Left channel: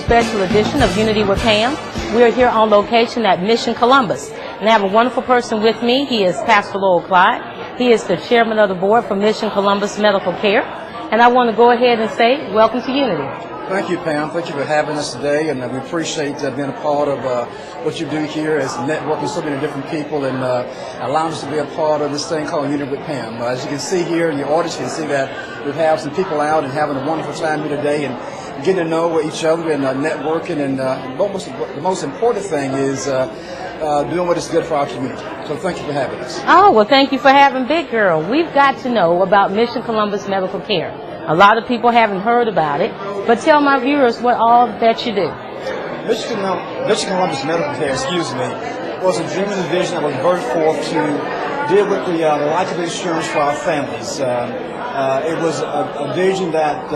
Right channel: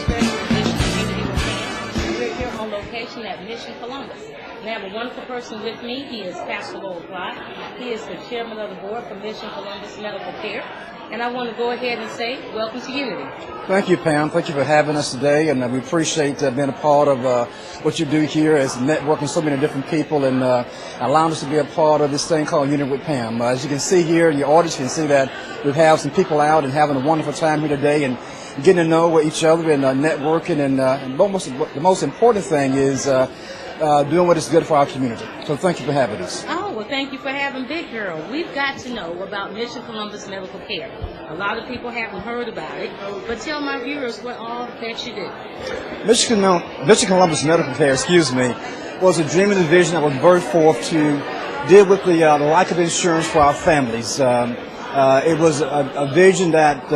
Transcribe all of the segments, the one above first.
special edition of Unity with Pam. We're here on location at Mission Columbus. And I have a wonderful person with me. He is Pastor Lowell Clyde. He is the chairman of the board for Mission Columbus Medical Care. And I want to go ahead and say, welcome to Unity. Thank you, Pam. Thank you for having us today, and we appreciate being a part of what you do here as networking so many different people and allowing us to be a part of this thing called Unity with Pam. As you can see here in the audience, you can see that we have some people out and having a wonderful time here today and getting to know each other and networking, and the most important thing is doing what is good for our community. So thank you for having us. Oh, well, thank you for having Big Girl. We've got to know about Mission Columbus Medical Care. A lot of people haven't heard about it, but tell my viewers what all that you do. Mission Columbus Medical Care, was a dream and a vision that was birthed forth to deal with the lack of insurance for our families. It was a vision that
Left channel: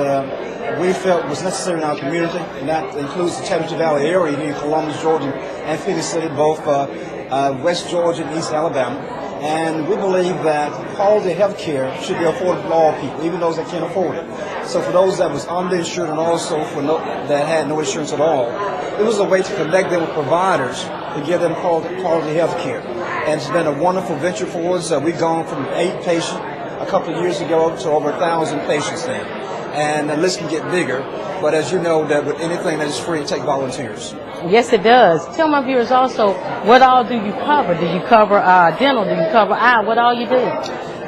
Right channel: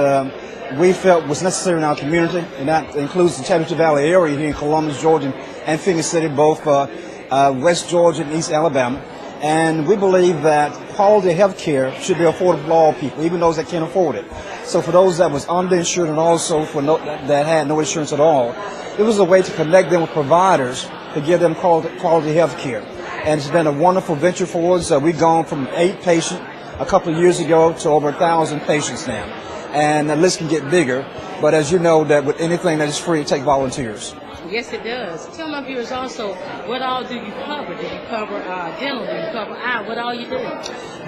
we felt was necessary in our community, and that includes the Championship Valley area here in Columbus, Georgia, and Phoenix City, both West Georgia and East Alabama. And we believe that quality health care should be affordable to all people, even those that can't afford it. So for those that was underinsured and also for that had no insurance at all, it was a way to connect them with providers to give them quality health care. And it's been a wonderful venture for us. We've gone from 8 patients a couple of years ago to over 1,000 patients now. And the list can get bigger, but as you know, that with anything that is free, it takes volunteers. Yes, it does. Tell my viewers also, what all do you cover? Do you cover dental? Do you cover eye? What all you do?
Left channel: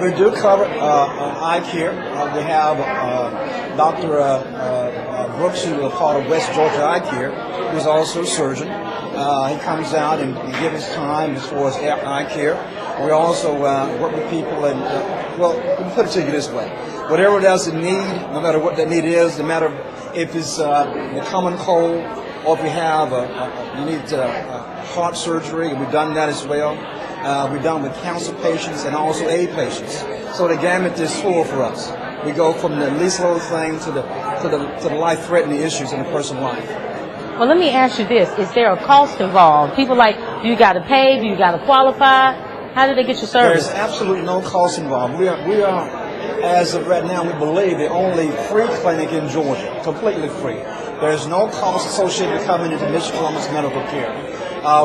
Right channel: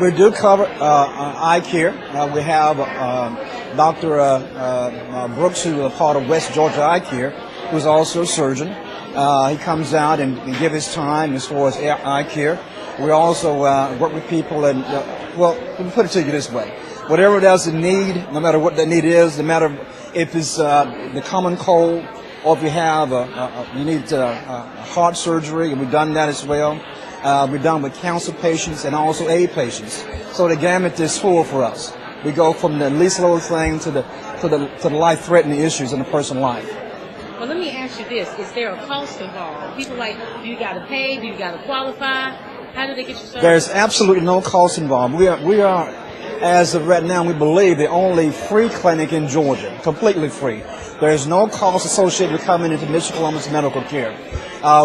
We do cover eye care. We have Dr. Brooks, who is part of West Georgia Eye Care, who's also a surgeon. He comes out and gives his time as far as eye care. We also work with people, and well, let me put it to you this way. Whatever there's a need, no matter what that need is, no matter if it's the common cold, or if you have you need heart surgery, and we've done that as well. We've done with cancer patients and also AIDS patients. So the gamut is full for us. We go from the least little thing to the life-threatening issues in a person's life. Well, let me ask you this: is there a cost involved? People like, do you got to pay? Do you got to qualify? How do they get your service? There's absolutely no cost involved. We are, as of right now, we believe the only free clinic in Georgia, completely free. There's no cost associated with coming into Mission Columbus Medical Care.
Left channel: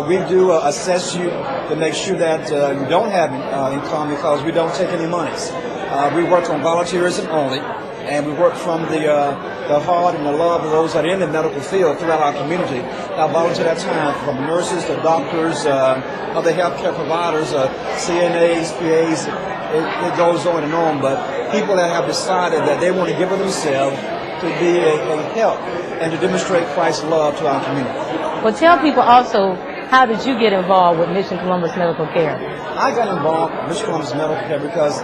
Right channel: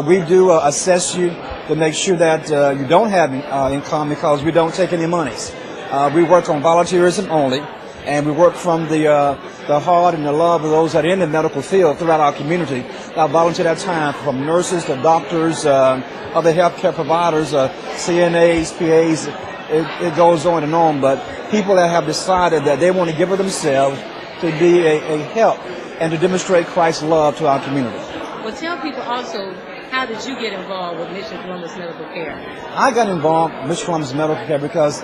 We do assess you to make sure that you don't have income, because we don't take any monies. We work on volunteerism only, and we work from the heart and the love of those that are in the medical field throughout our community that volunteer their time, from nurses to doctors, other healthcare providers, CNAs, PAs. It goes on and on, but people that have decided that they want to give of themselves to be a help and to demonstrate Christ's love to our community. Well, tell people also, how did you get involved with Mission Columbus Medical Care? I got involved with Mission Columbus Medical Care because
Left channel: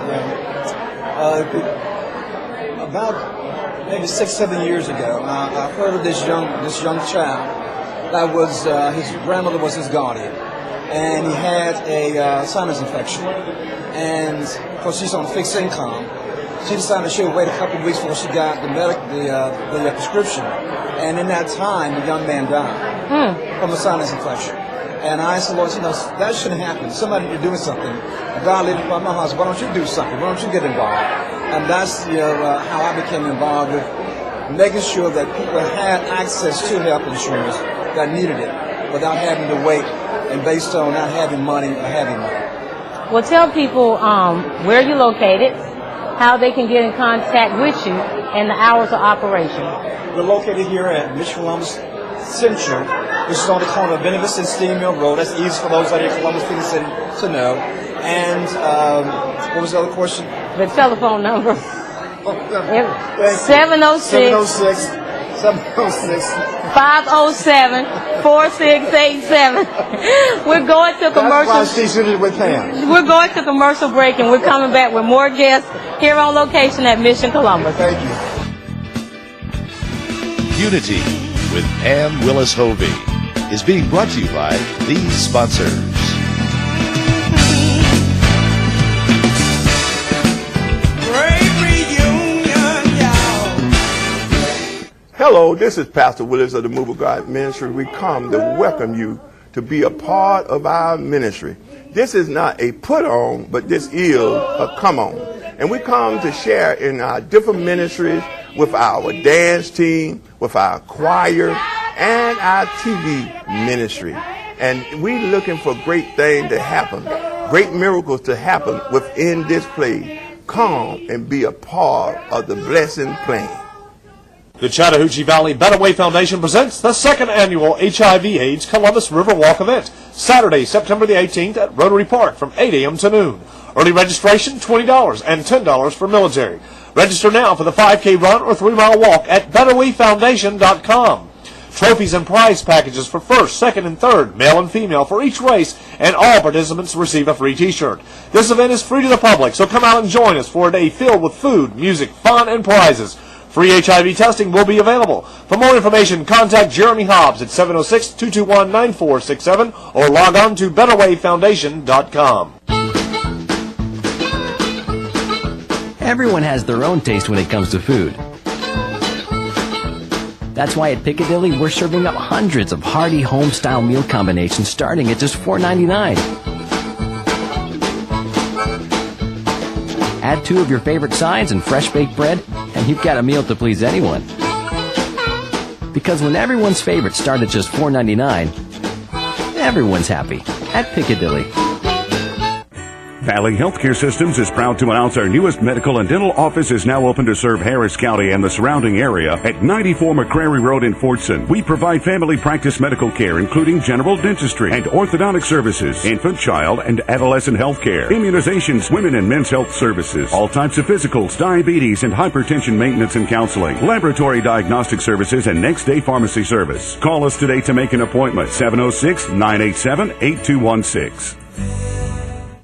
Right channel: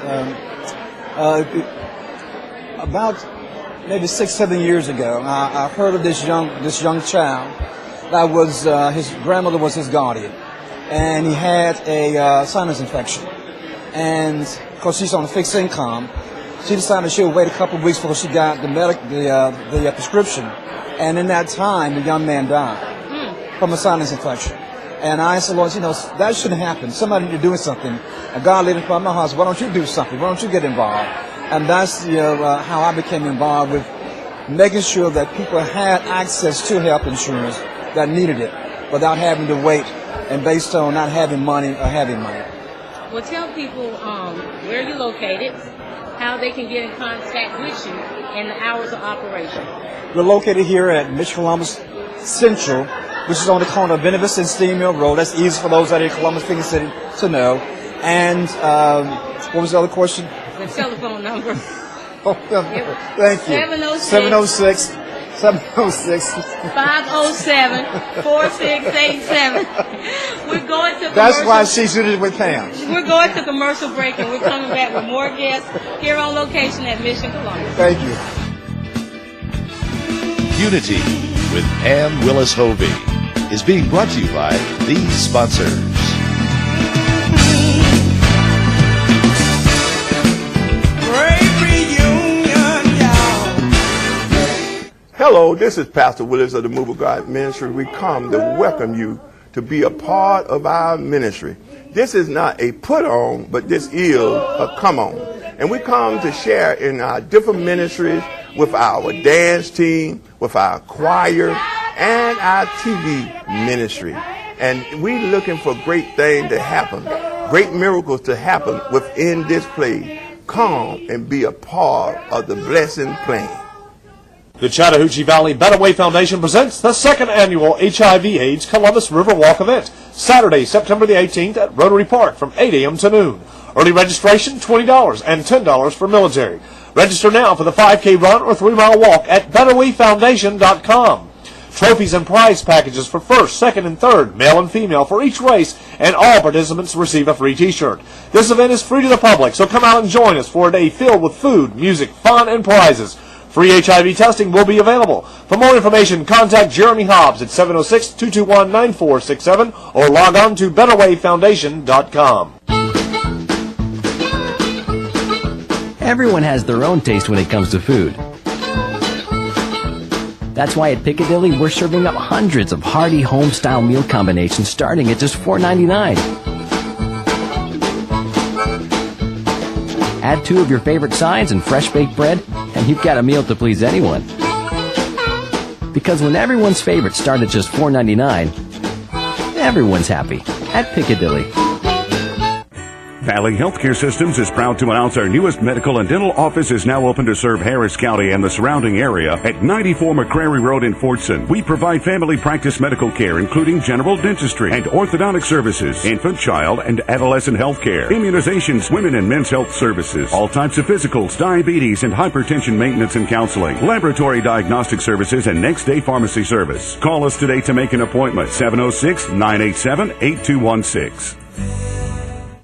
about maybe 6-7 years ago, I heard of this young child that was his grandmother was his guardian, and he had a sinus infection. And of course, she's on a fixed income. She decided she would wait a couple of weeks before she got the prescription. And in that time, the young man died from a sinus infection. And I said, well, that shouldn't happen. Somebody need to do something. A guy later from my house, why don't you do something? Why don't you get involved? And that's how I became involved with making sure that people had access to health insurance that needed it without having to wait and based on not having money or having money. Well, tell people where you're located, how they can get in contact with you, and the hours of operation. We're located here at Mission Columbus Central, which is on the corner of Benevis and Steam Mill Road. That's easy for those out here in Columbus, Phoenix City to know. And what was the other question? The telephone number. Thank you. 706 507 4687. We're going to commercial. That's why she's in it with Pam. We're going to commercial break, and we're coming back with more guests here on location at Mission Columbus. Thank you. Unity with Pam Willis-Hovey is being brought to you by these sponsors. Hello, this is Pastor Willis of the Move of God Ministry. We come to welcome you to be a part of our ministry. This is not a put on, but this is a come on. And we come to share in our different ministries with our dance team, with our choir, and our TV ministry. And we looking for great things to happen, great miracles to happen within this place. Come and be a part of the blessing plan. The Chattahoochee Valley Better Way Foundation presents the second annual HIV/AIDS Columbus River Walk event, Saturday, September the 18th at Rotary Park from 8 a.m. to noon. Early registration $20 and $10 for military. Register now for the 5K run or 3-mile walk at betterwayfoundation.com. Trophies and prize packages for first, second, and third, male and female, for each race, and all participants receive a free t-shirt. This event is free to the public, so come out and join us for a day filled with food, music, fun, and prizes. Free HIV testing will be available. For more information, contact Jeremy Hobbs at 706-221-9467 or log on to betterwayfoundation.com. Everyone has their own taste when it comes to food. That's why at Piccadilly we're serving up hundreds of hearty home-style meal combinations starting at just $4.99. Add 2 of your favorite sides and fresh baked bread, and you've got a meal to please anyone. Because when everyone's favorites start at just $4.99, everyone's happy at Piccadilly. Valley Healthcare Systems is proud to announce our newest medical and dental office is now open to serve Harris County and the surrounding area at 94 McCrary Road in Fortson. We provide family practice medical care, including general dentistry and orthodontic services, infant, child, and adolescent health care, immunizations, women and men's health services, all types of physicals, diabetes, and hypertension maintenance and counseling, laboratory diagnostic services, and next-day pharmacy service. Call us today to make an appointment, 706-987-8216.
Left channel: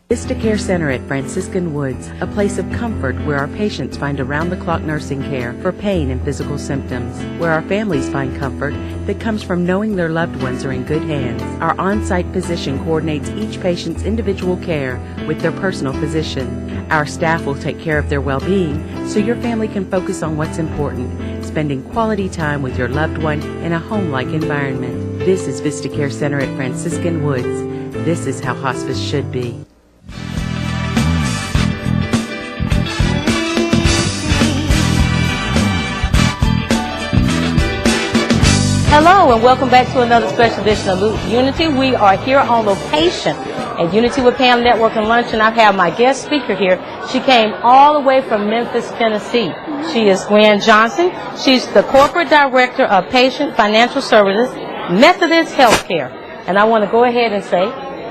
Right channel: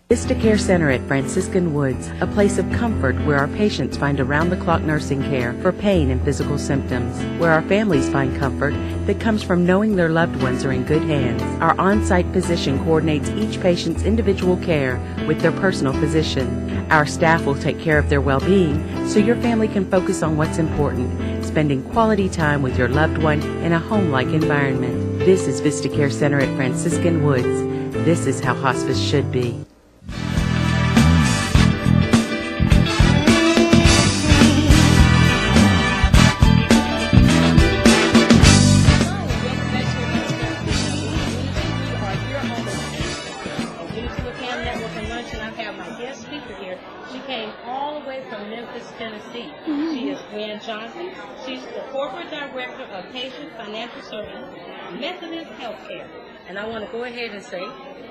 Vista Care Center at Franciscan Woods, a place of comfort where our patients find around-the-clock nursing care for pain and physical symptoms, where our families find comfort that comes from knowing their loved ones are in good hands. Our on-site physician coordinates each patient's individual care with their personal physician. Our staff will take care of their well-being so your family can focus on what's important, spending quality time with your loved one in a home-like environment. This is Vista Care Center at Franciscan Woods. This is how hospice should be. Welcome back to another special edition of Unity. We are here on location at Unity with Pam Networking Lunch, and I have my guest speaker here. She came all the way from Memphis, Tennessee. She is Gwen Johnson. She's the Corporate Director of Patient Financial Services, Methodist Healthcare. And I want to go ahead and say,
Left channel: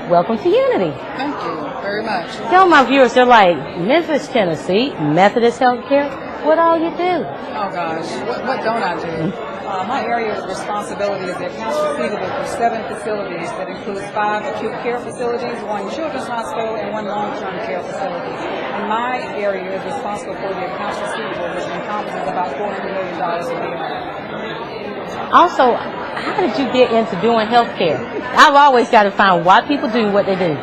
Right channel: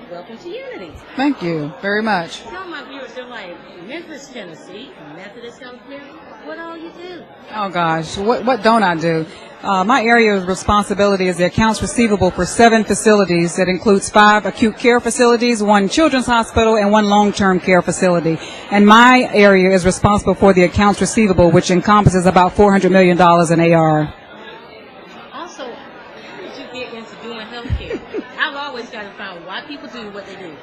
welcome to Unity. Thank you very much. Tell my viewers, they're like, Memphis, Tennessee, Methodist Healthcare, what all you do? Oh gosh, what don't I do? My area of responsibility is the accounts receivable for 7 facilities. That includes 5 acute care facilities, 1 children's hospital, and 1 long-term care facility. And my area is responsible for the accounts receivable, which encompasses about $400 million in AR. Also, how did you get into doing health care? I've always got to find why people do what they do.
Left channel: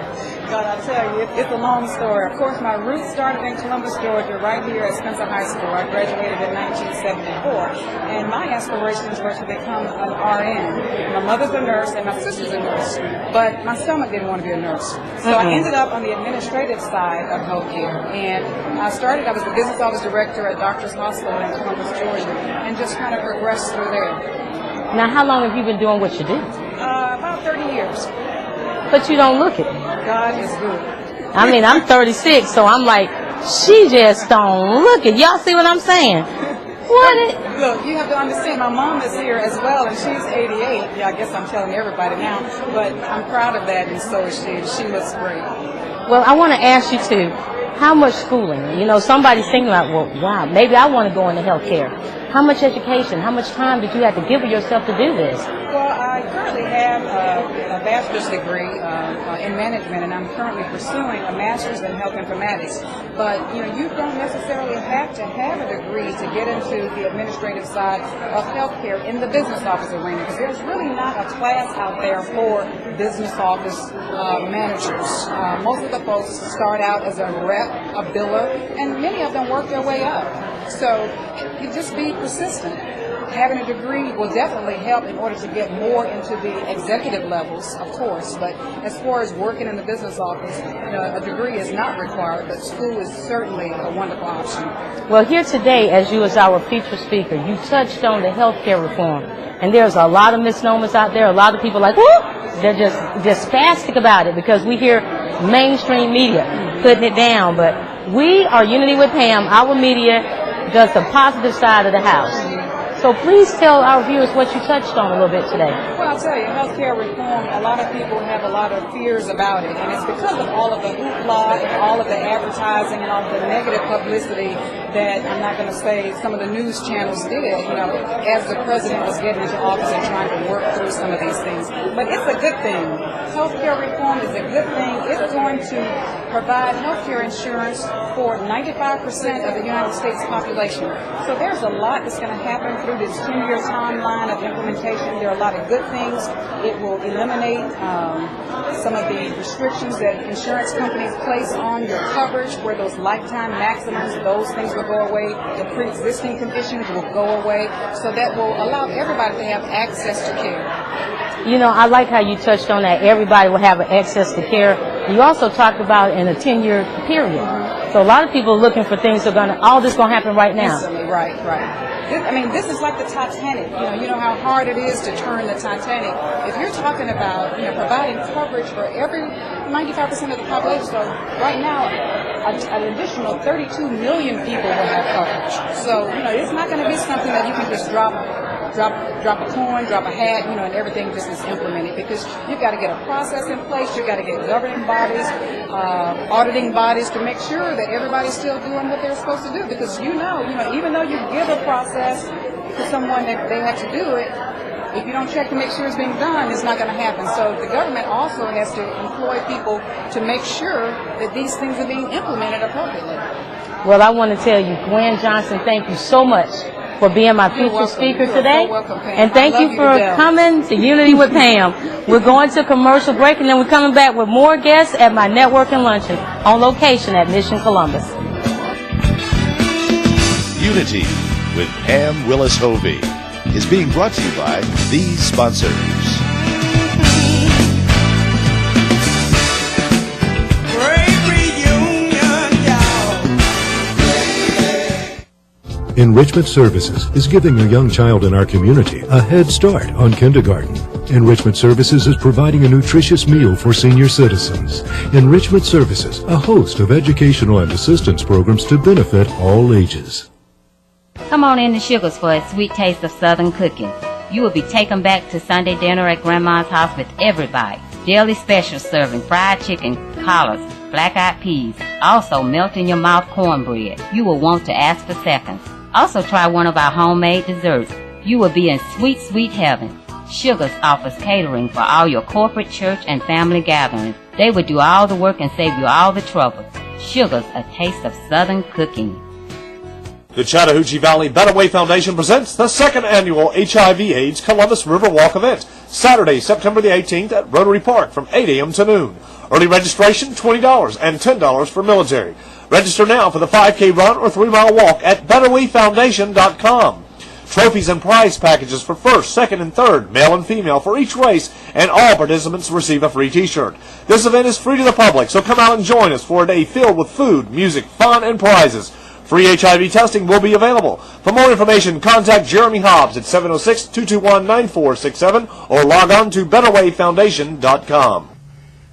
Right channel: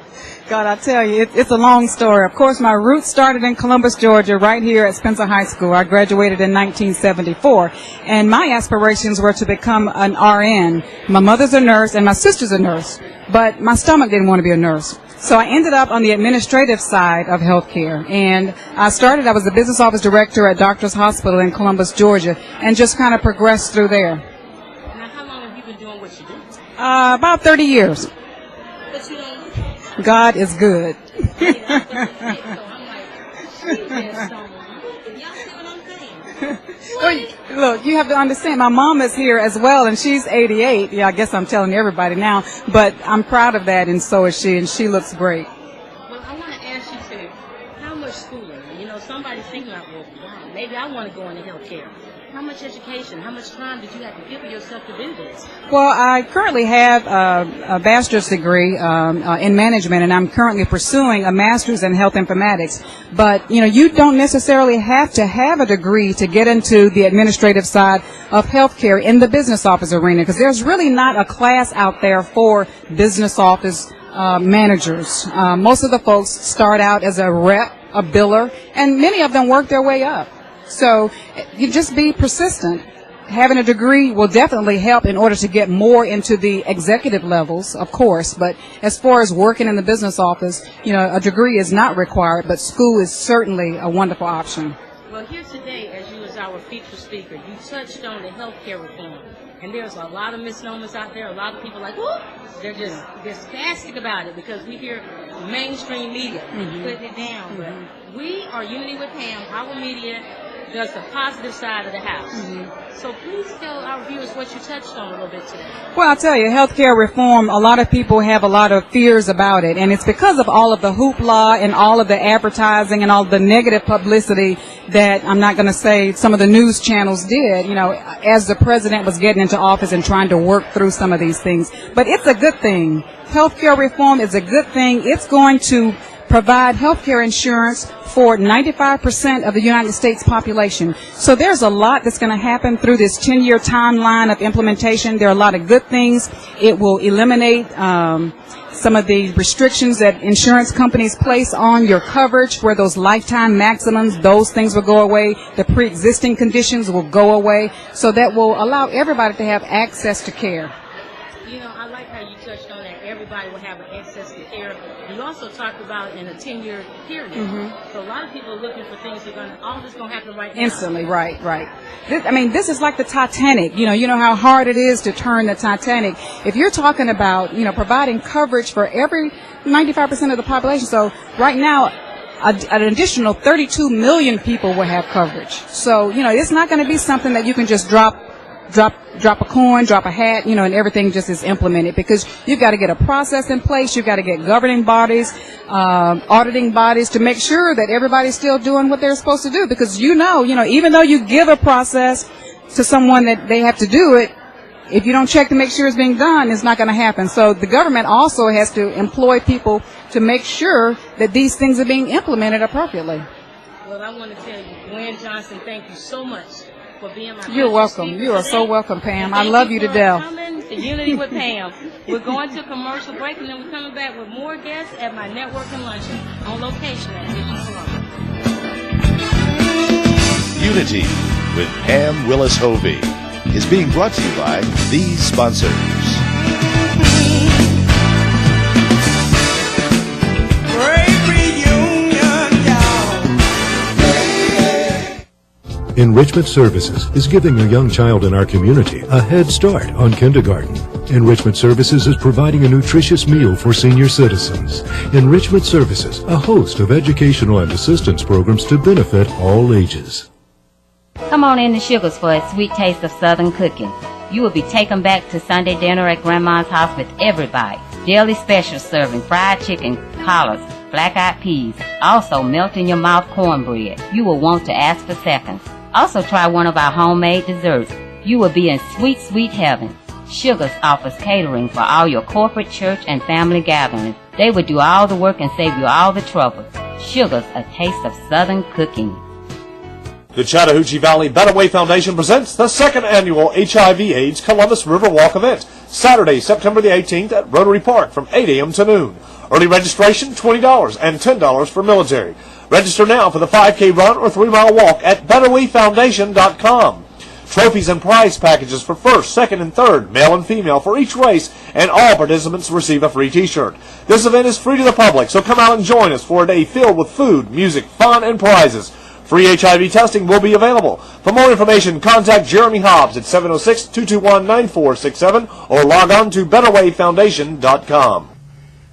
God, I tell you, it's a long story. Of course, my roots started in Columbus, Georgia, right here at Spencer High School. I graduated in 1974, and my aspirations were to become an RN. My mother's a nurse, and my sister's a nurse, but my stomach didn't want to be a nurse. So I ended up on the administrative side of healthcare, and I was the business office director at Doctors Hospital in Columbus, Georgia, and just kind of progressed through there. Now, how long have you been doing what you do? About 30 years. But you don't look it. God is good. I mean, I'm 36, so I'm like, she just don't look it. Y'all see what I'm saying? What? Look, you have to understand, my mom is here as well, and she's 88. Yeah, I guess I'm telling everybody now, but I'm proud of that, and so is she, and she looks great. Well, I want to ask you, too, how much schooling? You know, somebody's thinking like, well, wow, maybe I want to go into healthcare. How much education, how much time did you have to give yourself to do this? Well, I currently have a bachelor's degree in management, and I'm currently pursuing a master's in health informatics. But, you know, you don't necessarily have to have a degree to get into the administrative side of healthcare in the business office arena, because there's really not a class out there for business office managers. Most of the folks start out as a rep, a biller, and many of them work their way up. So you just be persistent having a degree will definitely help in order to get more into the executive levels, of course. But as far as working in the business office, a degree is not required, but school is certainly a wonderful option. Well, here today, as you as our featured speaker, you touched on the healthcare reform. And there's a lot of misnomers out there. A lot of people like, whoop! They're just spastic about it because we hear mainstream media putting it down. But we are Unity with Pam. Our media does the positive side of the house. So please tell our viewers what you touched on a little bit today. Well, I'll tell you, healthcare reform, a lot of people have a lot of fears about it. And it's because of all of the hoopla and all of the advertising and all of the negative publicity that I'm not going to say some of the news channels did, as the president was getting into office and trying to work through some of these things. But it's a good thing. Healthcare reform is a good thing. It's going to provide healthcare insurance for 95% of the United States population. So there's a lot that's going to happen through this 10-year timeline of implementation. There are a lot of good things. It will eliminate some of the restrictions that insurance companies place on your coverage, where those lifetime maximums, those things will go away. The pre-existing conditions will go away. So that will allow everybody to have access to care. I like how you touched on that. Everybody will have access to care. You also talked about in a 10-year period. So a lot of people are looking for things that are all this going to happen right now. Instantly, right. I mean, this is like the Titanic. You know how hard it is to turn the Titanic. If you're talking about, providing coverage for every 95% of the population, so right now, an additional 32 million people will have coverage. So, it's not going to be something that you can just drop a coin, drop a hat, and everything just is implemented, because you've got to get a process in place. You've got to get governing bodies, auditing bodies to make sure that everybody's still doing what they're supposed to do, because even though you give a process to someone that they have to do it, if you don't check to make sure it's being done, it's not going to happen. So the government also has to employ people to make sure that these things are being implemented appropriately. Well, I want to tell you, Gwen Johnson, thank you so much for being my featured speaker today. You're so welcome, Pam. And thank you for coming to Unity with Pam. We're going to commercial break, and then we're coming back with more guests at my networking luncheon on location at Mission Columbus. Unity with Pam Willis Hovey is being brought to you by these sponsors. Enrichment Services is giving a young child in our community a head start on kindergarten. Enrichment Services is providing a nutritious meal for senior citizens. Enrichment Services, a host of educational and assistance programs to benefit all ages. Come on in to Sugars for a sweet taste of Southern cooking. You will be taken back to Sunday dinner at Grandma's house with every bite. Daily special serving fried chicken, collards, black-eyed peas, also melt-in-your-mouth cornbread. You will want to ask for seconds. Also try one of our homemade desserts. You will be in sweet, sweet heaven. Sugars offers catering for all your corporate, church, and family gatherings. They will do all the work and save you all the trouble. Sugars, a taste of Southern cooking. The Chattahoochee Valley Better Way Foundation presents the second annual HIV/AIDS Columbus River Walk event, Saturday, September the 18th at Rotary Park from 8 a.m. to noon. Early registration, $20 and $10 for military. Register now for the 5K run or 3-mile walk at betterwayfoundation.com. Trophies and prize packages for first, second, and third, male and female, for each race, and all participants receive a free t-shirt. This event is free to the public, so come out and join us for a day filled with food, music, fun, and prizes. Free HIV testing will be available. For more information, contact Jeremy Hobbs at 706-221-9467 or log on to betterwayfoundation.com.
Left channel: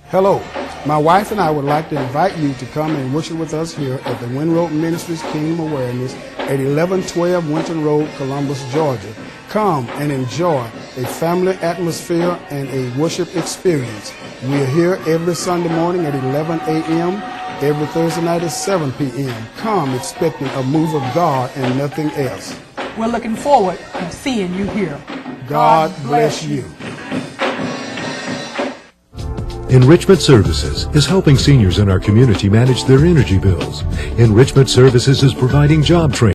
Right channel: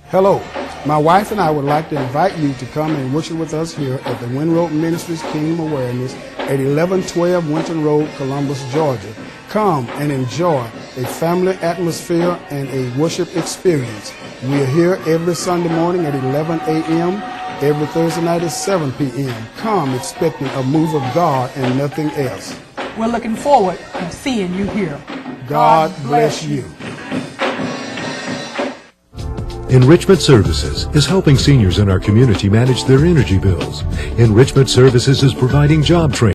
Hello, my wife and I would like to invite you to come and worship with us here at the Winroad Ministries Kingdom Awareness at 1112 Winton Road, Columbus, Georgia. Come and enjoy a family atmosphere and a worship experience. We are here every Sunday morning at 11 a.m., every Thursday night at 7 p.m. Come expecting a move of God and nothing else. We're looking forward to seeing you here. God bless you. Enrichment Services is helping seniors in our community manage their energy bills. Enrichment Services is providing job training